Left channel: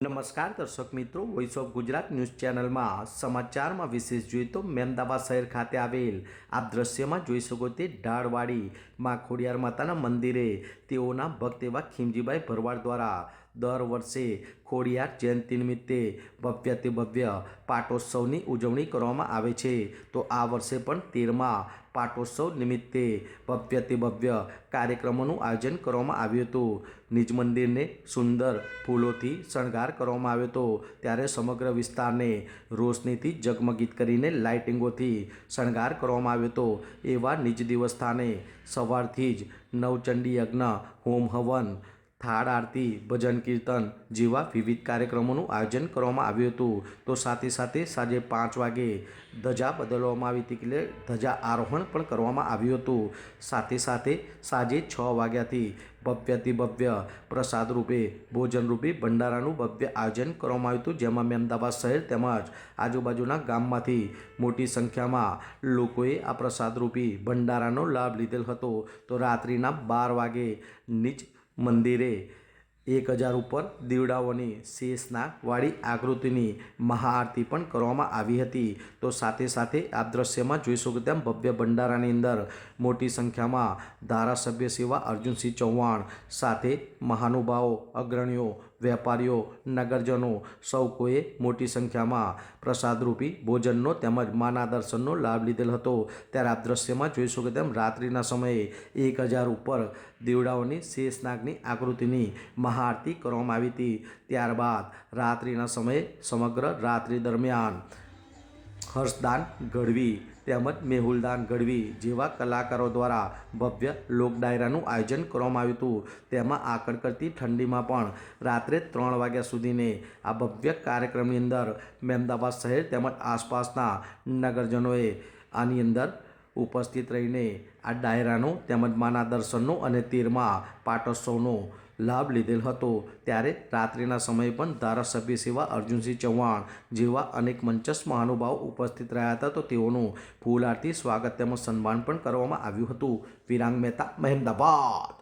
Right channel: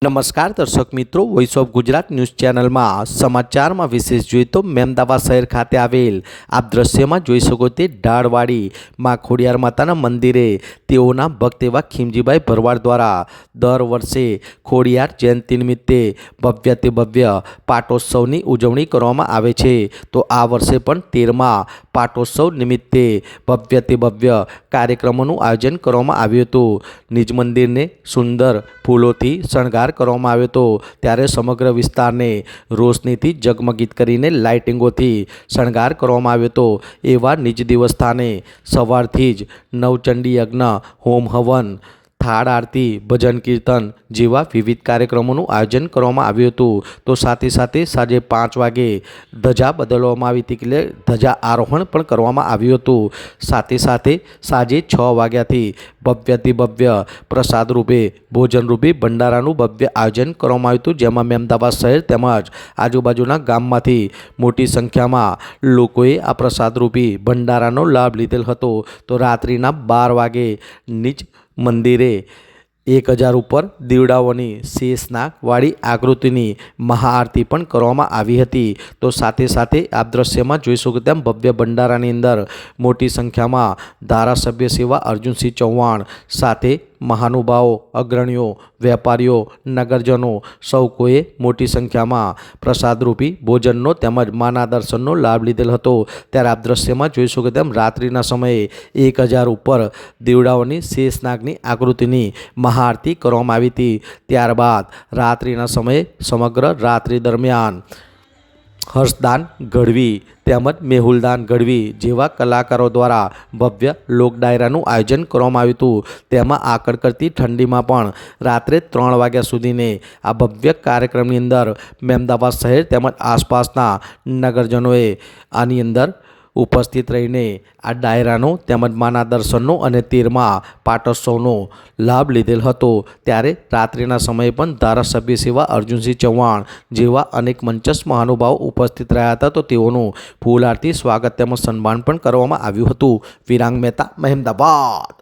નમસ્કાર દર્શક મિત્રો, વોઇસ ઓફ ગુજરાત ન્યૂઝ ચેનલમાં સમાચારમાં વિશેષ જોઈએ તો મેમદાવાદ શહેર ખાતે આવેલ આપ દ્રશ્યમાં જોઈ શકો તે ઢાળવાડી માં ખોડિયાર માતાના મંદિરે તેઓના ભક્ત એવા ખીમજીભાઈ ભરવાડ દ્વારા દર વર્ષે ખોડિયાર જયંતિ નિમિત્તે ભવ્યથી ભવ્ય પાટોત્સવની ઉજવણી કરવામાં આવે છે। તો આ વર્ષે પણ 13મા પાટોત્સવ નિમિત્તે ભવ્યથી ભવ્ય કાર્યક્રમોનું આયોજન કરવામાં આવ્યું હતું। નિજ મંદિરને સુંદર ફૂલોથી શણગાર કરવામાં આવ્યો હતો, ત્યારે સમગ્ર વિસ્તારને રોશનીથી જગમગીત કરીને લાઇટિંગોથી શણગાર કરવામાં આવ્યો હતો। એવા નિજ દેવસ્થાને સવારથી જ નવચંડી યજ્ઞ, હોમ હવન, થાળ આરતી, ભજન કીર્તન જેવા વિવિધ કાર્યક્રમોનું આયોજન કરવામાં આવ્યું હતું। તો સાથે સાથે સાંજે 5 વાગે ધજા બદલવામાં આવી હતી, એટલે ધજા આરોહણ પણ કરવામાં આવ્યું હતું। સાથે સાથે સાંજે 6 વાગ્યાથી ભવ્યથી ભવ્ય પ્રસાદ રૂપે, ભોજન રૂપે ભંડારાનું ભવ્ય આયોજન કરવામાં આવ્યું હતું, જેમાં મેમદાવાદ શહેર તેમજ આજુબાજુના ગામમાંથી મોટી સંખ્યામાં લોકોએ આ પ્રસાદ રૂપી ભંડારાનો લાભ લીધેલ હતો। તો રાત્રિના 12 વાગે નિજ મંદિરે 1000 ઉપર દીવડાઓની શેષનાગવાળી આકૃતિની મહાઆરતી પણ કરવામાં આવી હતી। તો સાથે સાથે આપ દ્રશ્યમાં જોઈ શકો તેમ ભવ્ય ભંડારાની અંદર મોટી સંખ્યામાં ધારાસભ્ય સેવા અર્જુનસિંહ ચૌહાણ સાથે મહાનુભાવો, અગ્રણીઓ, વેપારીઓ, નગરજનો સૌ કોઈએ મોટી સંખ્યામાં પ્રસાદરૂપી ભોજનનો તેમજ માના દર્શનનો લાભ લીધેલ હતો। ત્યારે આપ દ્રશ્યમાં જોઈ શકો તેમ રાત્રિના સમયે 1000 ઉપર દીવડાઓની શેષનાગની આકૃતિની મહાઆરતી કરવામાં આવી હતી। ત્યારબાદ રાત્રિના સમયે સમગ્ર રાત્રિ દરમિયાન હર્ષદાન ગઢવી તેમજ મેહુલદાન ગઢવી જેવા કલાકારો દ્વારા ભવ્ય લોક ડાયરાનું આયોજન કરવામાં આવ્યું હતું। તેમાં આકળ કરતી ઠંડીમાં પણ રાત્રે 3 વાગ્યા સુધીને આ ભવ્ય કાર્યક્રમની અંદર મેમદાવાદ શહેર તેમજ આસપાસના નગરજનોએ આની અંદર ઉપસ્થિત રહીને આ ડાયરાનો તેમજ માના દર્શનનો અને 13મા પાટોત્સવનો લાભ લીધેલ હતો। ત્યારે રાત્રિના સમયે પણ ધારાસભ્ય સેવા અર્જુનસિંહ ચૌહાણ જેવા અનેક મંચસ્થ મહાનુભાવો ઉપસ્થિત રહ્યા હતા। તો તેઓનું ફૂલ આરતી, સ્વાગત તેમજ સન્માન પણ કરવામાં આવ્યું હતું। વિરાંગ મહેતા, મહેમદાવાદ।